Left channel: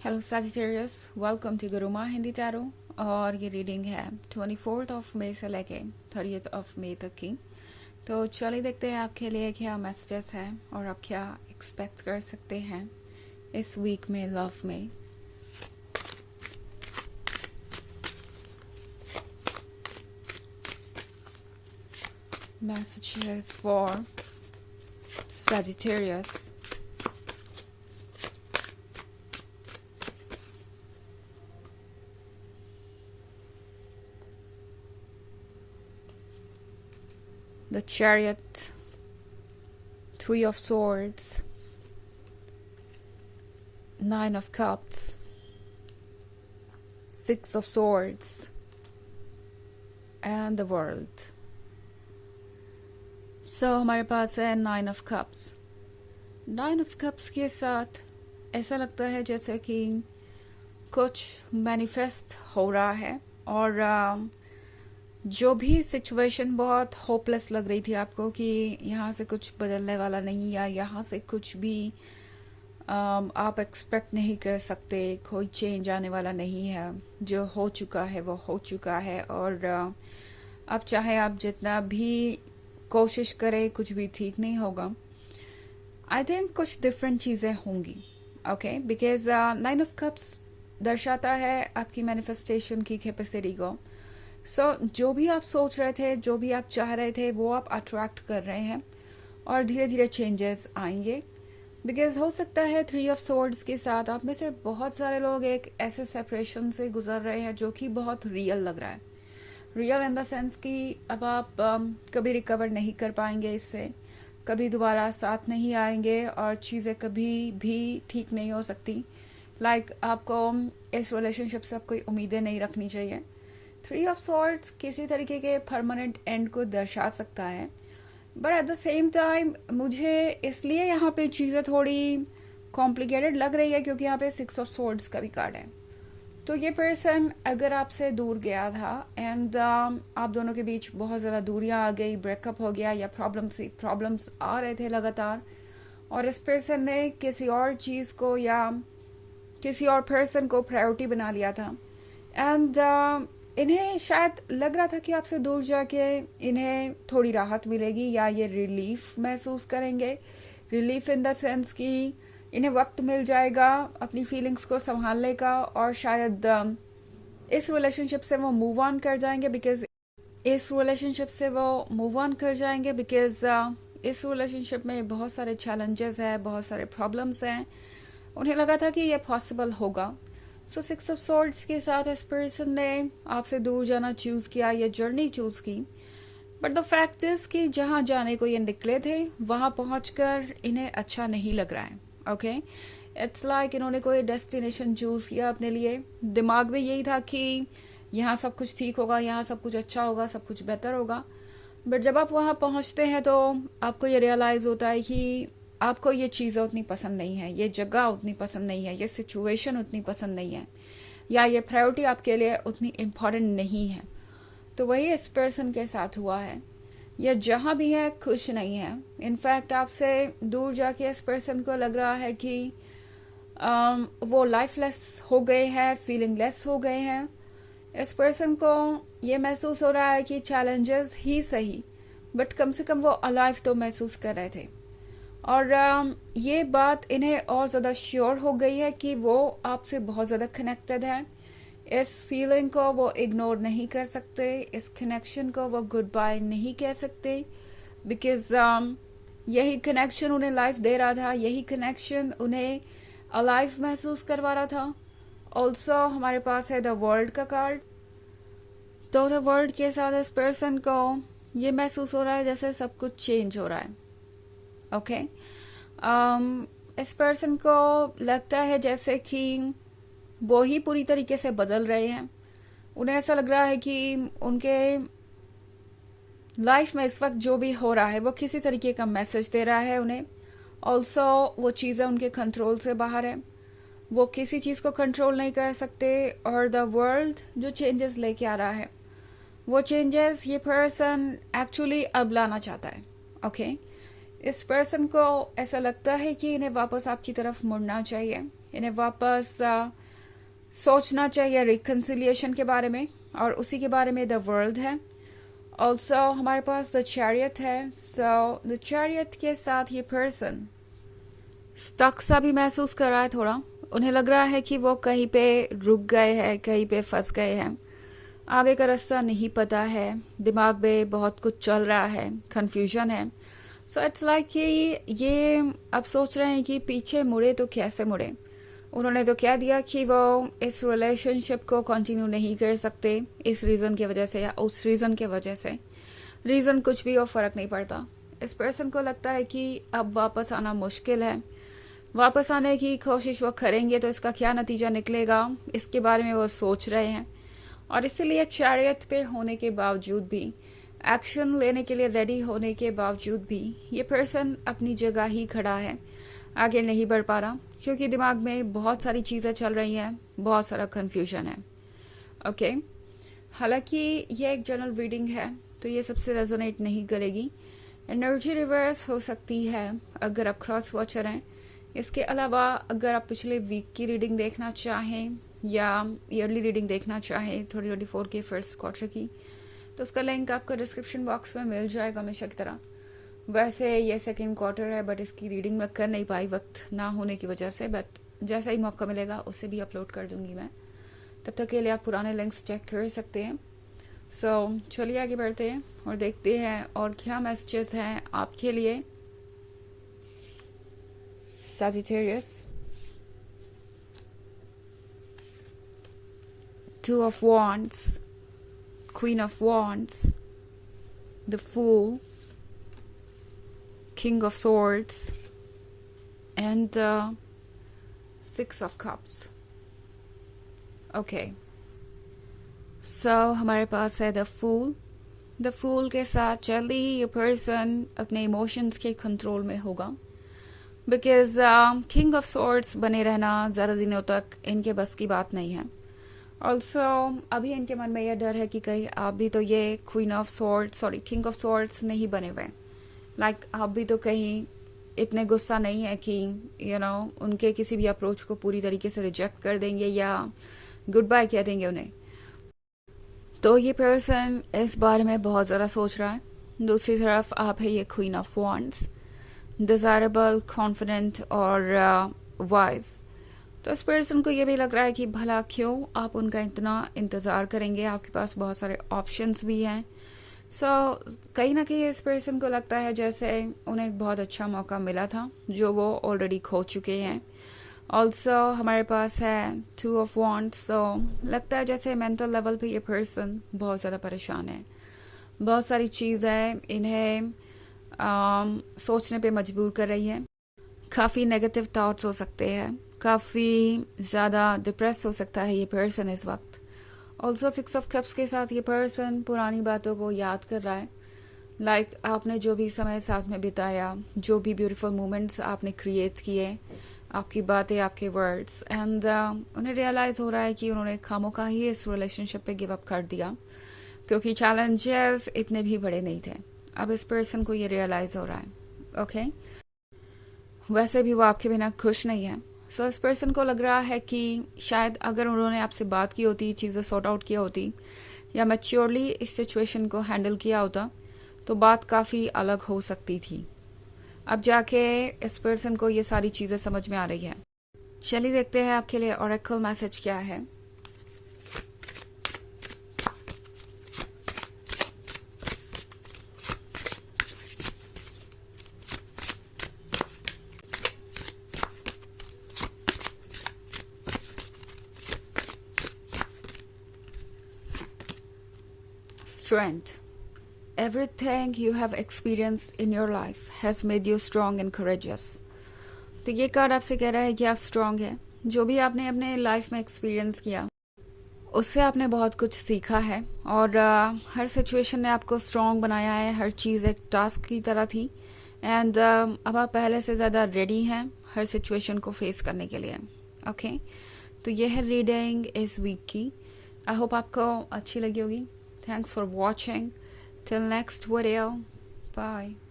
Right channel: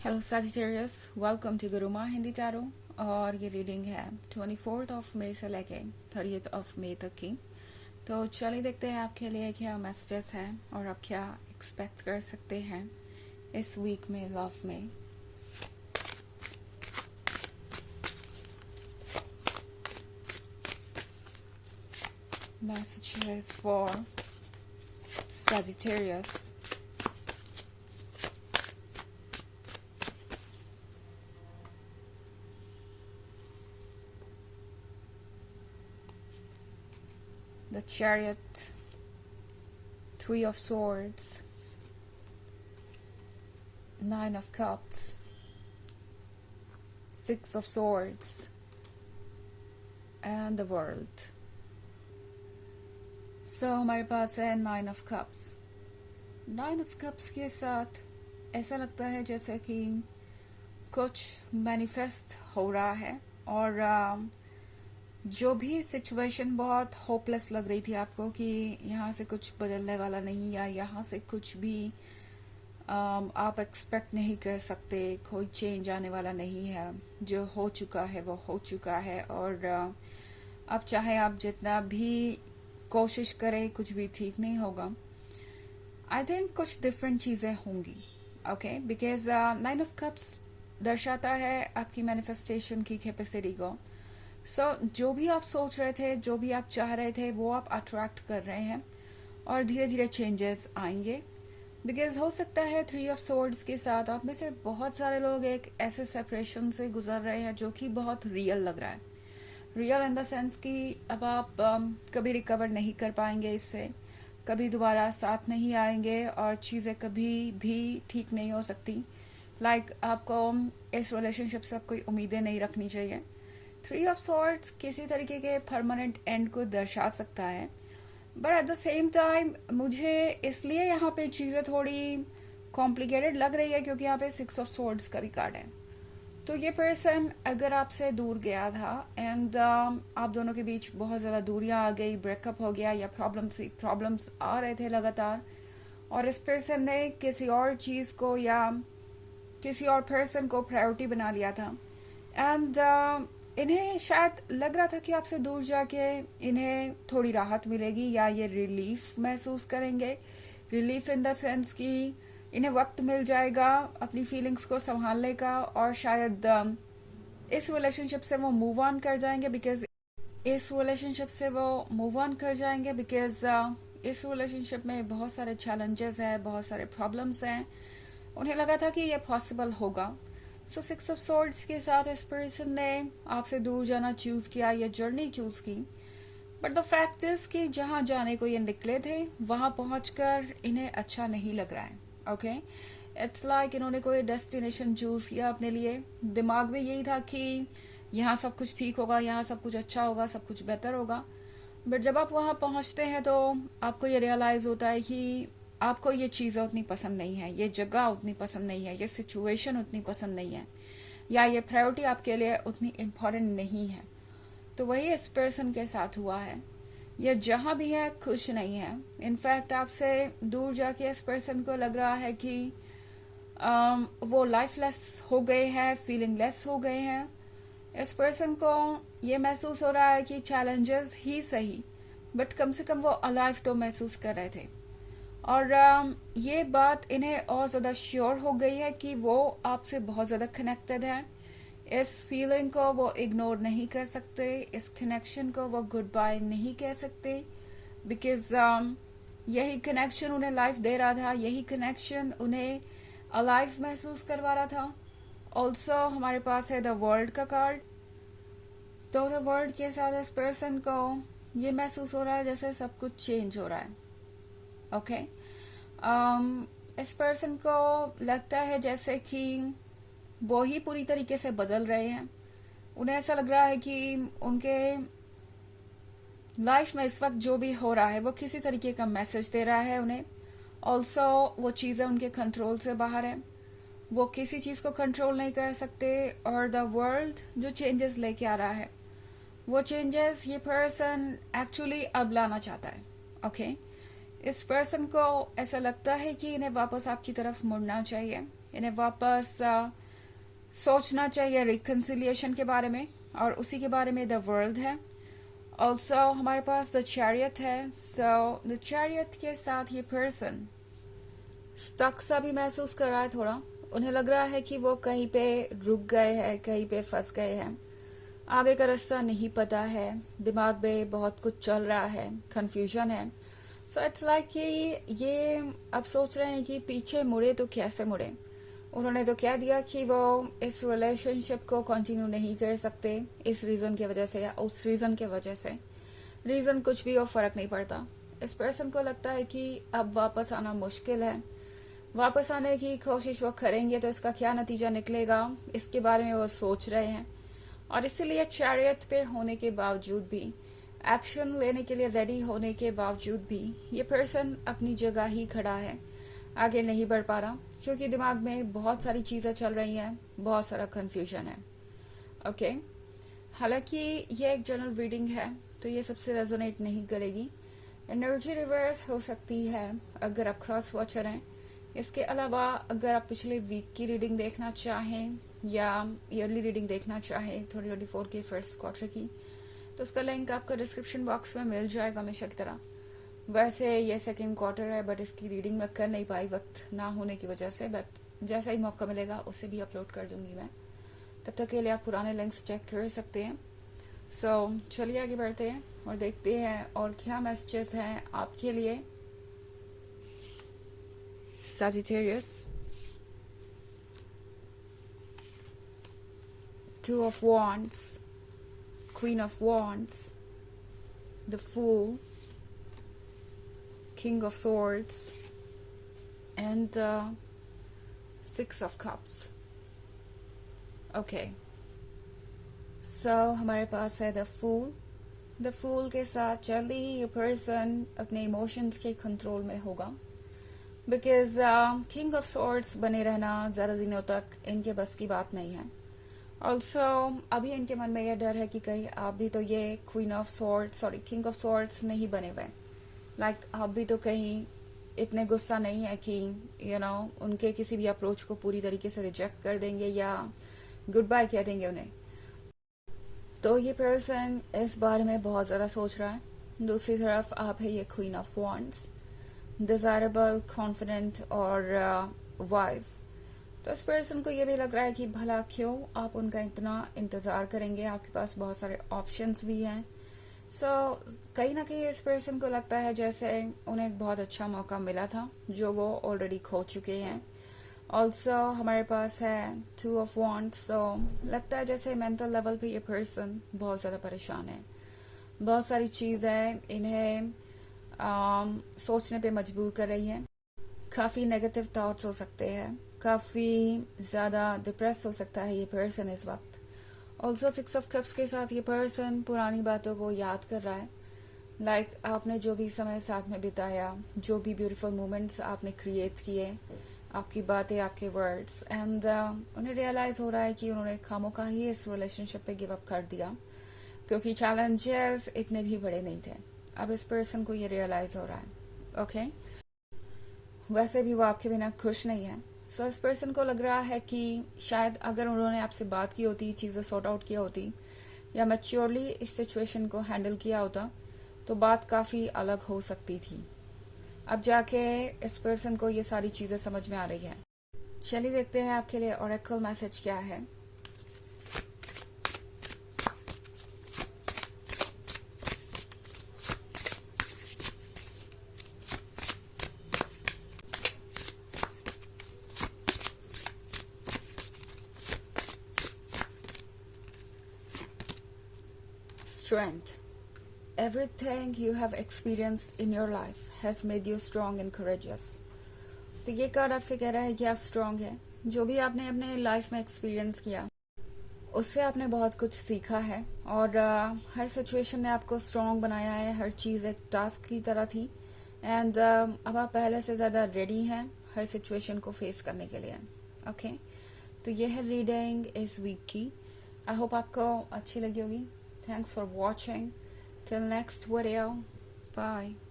Hello Sagittarius, welcome to Guruma Hindi tarot. और ये reading है 24 ऑफ मई से लेके 30 ऑफ मई तक की। तो चलिए देखते हैं आपके लिए क्या मैसेजेस है और आप क्या एक्सपेक्ट कर सकते हैं इस वीक में लव में। Messages for Sagittarius. The Chariot, Three of Swords, Nine of Cups, Six of Swords, and the World. So हमारे पास है Nine of Cups. Nine of Cups के साथ ऐसा लगता है जैसे कि कुछ मैनिफेस्ट हो रहा है और जो भी सिचुएशन बहुत होपलेस लग रही थी आपको कि यहाँ से कुछ बदलने वाला नहीं या यहाँ से कुछ भी आप एक्सपेक्ट नहीं कर सकते, कोई चेंज आने वाला नहीं है, जो हो चुका है वो हो चुका है और अब चाहे आप जितना भी कोशिश करें कुछ भी ठीक नहीं होगा। आई थिंक कुछ डिफरेंट चीजें होंगी, ओके, बिकॉज 9 ऑफ कप्स दर्शाता है आपकी मैनिफेस्टेशन की कैपेसिटी को। सो जो भी आप सोच रहे थे, जो भी आप चाह रहे थे, वो आप अट्रैक्ट कर रहे हैं और धीरे धीरे चेंजेस आएंगे। बिकॉज हो सकता है 3 ऑफ सोर्ड्स के साथ आप में से बहुत सारे लोग एक ऐसे सेपरेशन से गुजर रहे हैं जो कि बहुत रियल लग रहा है। रियल इन द सेंस कि अब आप कभी रिकवर नहीं कर पाएंगे इससे, कभी दोबारा साथ नहीं आएंगे और चीज़ें कभी भी ठीक नहीं हो सकती। लाइक आपको इस रिलेशनशिप से अब कोई उम्मीदें नहीं रखनी चाहिए। 3 ऑफ सॉर्ड्स किसी तरीके के परमानेंट एंड को दर्शा सकता है, but at the same time मुझे इसलिए यहाँ पे चीज़ें थोड़ी कॉम्प्लिकेटेड लग रही है क्योंकि यहाँ पे 6 ऑफ सॉर्ड्स का भी कार्ड है। तो ये पर्सन अगर आपसे दूर गया था एंड आप दोनों के बीच बहुत ज़्यादा दूरियां आ गई, ब्रेकअप हो गया या प्रॉब्लम्स आ रहे थे लगातार, और इस पर्सन ने किसी और चीज़ को या किसी और पर्सन को प्रायोरिटी बना लिया था एंड इन्हें शायद लग रहा था कि आपसे दूर जाके इन्हें थोड़ी राहत मिलेगी या ये रिलीफ महसूस करेंगे। रिलीफ इन द सेंस कि इन्हें वक्त मिल जाएगा अपनी फीलिंग्स को संभालने का और शायद इस रिलेशनशिप से वो मूव ऑन कर जाएंगे बिकॉज इस रिलेशनशिप में बहुत सारे चैलेंजेस हैं, बहुत सारे प्रॉब्लम्स हैं। उन्हें लगा था कि ये पॉसिबल होगा। सो 6 ऑफ सॉर्ड्स के साथ इस पर्सन ने आपसे दूर जाना चूज किया, ये जर्नी चूज की। बट द फैक्ट इज कि जहां जाने को ये निकले थे वहां पहुंचकर इन्हें अच्छा नहीं लग रहा है। ओके, इट्स लाइक इन्होंने कोई डेस्टिनेशन चूज किया अपने लिए, दिमाग में यही था कि यहाँ सब कुछ ठीक होगा, यहाँ सब कुछ अच्छा होगा, सब कुछ बेहतर होगा। बट जब आप वहां पहुंचते हैं तो आपको ये रियलाइज होता है कि आपको ये चीज़ें उतनी पसंद नहीं है, ये जगह उतनी पसंद नहीं है, ये सिचुएशन उतनी पसंद नहीं है, या ये प्रायोरिटी आपके लिए उतनी इम्पोर्टेंट नहीं है। तो वही इस पर्सन के साथ हुआ है। ये जहां भी है खुश नहीं है। इनफैक्ट आपसे दूर जाके इस पर्सन को लग रहा है कि वो लाइफलेस हो गए हैं, फीलिंगलेस हो गए हैं। इस पर्सन को ये महसूस हो रहा है कि चैलेंजेस ही सही बट कम से कम वो अलाइव तो महसूस कर रहे थे। और ये बात इन्हें और ज़्यादा श्योर हो गई है कि वो आपसे बहुत ज़्यादा कनेक्टेड है। इस फीलिंग को वो इग्नोर नहीं कर सकते, इस कनेक्शन को वो गुड बाय नहीं कह सकते बिकॉज यही कनेक्शन उन्हें लाइफ दे रहा था, यही कनेक्शन उन्हें अलाइव महसूस करवा रहा था। ऑल्सो हमारे पास है द वर्ल्ड का कार्ड। तो द वर्ल्ड के साथ इस पर्सन को ये महसूस हो रहा है जैसे सब कुछ चेंज हो रहा है। ओके, इस पर्सन को लगता है जैसे कि वो ही पूरी तरीके से बदल रहे हैं। उन्हें ऐसा लग रहा है कि उनके लाइफ में इस वक्त जो भी हो रहा है वो किसी तरीके का मैसेज दे रहा है उन्हें। ऑल्सो वो चीज़ें उनके कंट्रोल से बाहर है, वो किसी चीज़ को कंट्रोल नहीं कर सकते। और द वर्ल्ड जो चेंजेस लेके आ रहा है वो चेंजेस ये पर्सन एक्चुअली अब लाना चाहता है। ओके, इस पर्सन को ऐसा लगता है कि इन्हें वापस आपकी तरफ मुड़ना चाहिए। इन्हें वापस सोचना चाहिए रिकन्सिलिएशन के बारे में, और उसी के बारे में द वर्ल्ड है। ऑल्सो हमारे पास द चैरियट है। सो द चैरियट के साथ ये पर्सन स्टक सा भी महसूस कर रहा है थोड़ा। उन्हें लग रहा है कि वो कहीं पे रुक गए हैं, कहीं पे फंस गए हैं, आगे का रास्ता नहीं पता है, दिमाग में बहुत कुछ चल रहा है, कंफ्यूजन है। सो इट्स लाइक कि ये अब सोच रहे हैं कि पीछे मुड़े तो कैसे मुड़े। उन्होंने तो कह दिया कि वो इस रिलेशनशिप को कंटिन्यू नहीं कर सकते इस रीजन की वजह से या उस रीजन की वजह से। रीजन कुछ भी और फर्क नहीं पड़ता। इस पर्सन को लगता है कि अब वापस आना मुश्किल है। वापस आने की कोशिश वो करेंगे तो इसका क्या नतीजा निकलेगा, इसके बारे में वो सोच रहे हैं। और इसीलिए चैरियट पे होने के बावजूद भी, एक्शन लेने के लिए रेडी होने के बावजूद भी, ये पर्सन अपनी जगह ही खड़ा है, आगे नहीं बढ़ पा रहा, क्योंकि दिमाग में बहुत सारी चीजें चल रही हैं, बहुत सारा कंफ्यूजन है। ओके, हालांकि ये एक जनरल रीडिंग है तो ये सबसे रेजोनेट नहीं करेगी। एनर्जी रिवर्स हो सकती है अगर आप क्रॉस वॉचर हैं। इसके अलावा अगर आप पिछले वीक की रीडिंग देखना चाहें या ईयरली रीडिंग देखना चाहें 2024 के फर्स्ट क्वार्टर की, तो उसका लिंक आपको डिस्क्रिप्शन बॉक्स में मिल जाएगा हमेशा की तरह। वैसे ये सेकेंड क्वार्टर है बट इसकी रीडिंग मैं कर नहीं पाई वक्त ना होने की वजह से, बट जैसा ही मौका मिलेगा उसे भी अपलोड कर दूंगी मैं। तब तक के लिए आप पुराने लिंक्स चेक कर सकते हैं। सो चलिए आगे बढ़ते हैं और देखते हैं और क्या मैसेजेस हैं आपके लिए। Sagittarius, Two of Wands, Queen of Wands, the Fool, King of Swords, and Six of Cups. Okay. So हमारे पास है the Fool. The Fool के साथ जल्दी ही ये पर्सन अपने इमोशंस के कंट्रोल में होगा, बिकॉज किंग ऑफ सोर्ड्स बने रहना ज़्यादा दिनों तक इनके बस की बात नहीं है। ऑल्सो अभी इनके मन में यह डर है कि कहीं आप भी तो ये queen of swords king of swords नहीं बने हुए, लाइक आप भी तो कहीं इतने गुस्सा नहीं है कि उनके किसी भी अप्रोच को पूरी तरीके से रिजेक्ट कर देंगे या गुड बाय कह देंगे उन्हें। तो ये पर्सन इस बारे में बहुत ज़्यादा सोच रहा है। दूसरी तरफ आप है ये queen of wands, desirable, confident और वाइज। तो इस पर्सन को ये भी लग रहा है कि भला क्यों आप उनका इतना इंतजार करेंगे, आपके पास बहुत सारे ऑप्शंस भी हैं। कहीं ना कहीं इस पर्सन को लगता है जैसे उन्हें एक बहुत अच्छा मौका मिला था जो वो ऑलरेडी खो चुके हैं। ऑल्सो हमारे पास है टू ऑफ वॉन्ड्स। लगता है जैसे मेंटल लेवल पे ये पर्सन बहुत ज़्यादा परेशान है। बहुत सारी चीज़ें इन्हें सोचने पे मजबूर कर रही है। काफ़ी नेगेटिव थॉट्स हो सकते हैं, काफ़ी ज़्यादा डिप्रेस हो सकता है ये पर्सन इस वक्त। ऑल्सो सिक्स ऑफ कप्स के साथ ये पर्सन पुरानी बातों को याद कर रहा है। लाइक आपने जो भी समय साथ में बिताया, जो भी ब्यूटीफुल मोमेंट्स आपने क्रिएट किए, आपकी बातें, आपके वर्ड्स, एंड उन्हें रियलाइज़ हो रहा है कि उन्होंने खामोखा ही इस रिलेशनशिप पे गिव अप कर दिया, क्योंकि चैलेंजेस इतने भी बड़े नहीं थे। अब इस पर्सन को ये रियलाइज हो रहा है। ओके, वैसे भी वो आपके बिना खुश नहीं है। सो इस पर्सन को लग रहा है कि शायद अगर उन्होंने आपसे बात की होती, चीज़ें सॉर्ट आउट किया होती या मैच्योरली इस सिचुएशन को हैंडल किया होता तो बात काफ़ी अलग हो सकती थी। अब जाके इस पर्सन को ये सारी चीज़ें समझ में आ रही है। चलिए देखते हैं आपके लिए ऑरेकल मैसेज क्या है। Strength. Everything you have experienced in your life has made you strong and courageous. तो ये कार्ड आपसे कह रहा है कि आप स्ट्रांग हैं। जो भी आपने अपने लाइफ में एक्सपीरियंस किया उससे आपने बहुत कुछ सीखा है और हर सिचुएशन ने आपको स्ट्रांग बनाया है। हर चीज़ एक टास्क की तरह थी एंड अब आप पहले से ज़्यादा रेडी हैं हर सिचुएशन को फेस करने के लिए। ओके, तो ये है रीडिंग इस वीक की। आई होप आपको अच्छी लगी होगी। Thanks for watching. Till next video. Bye.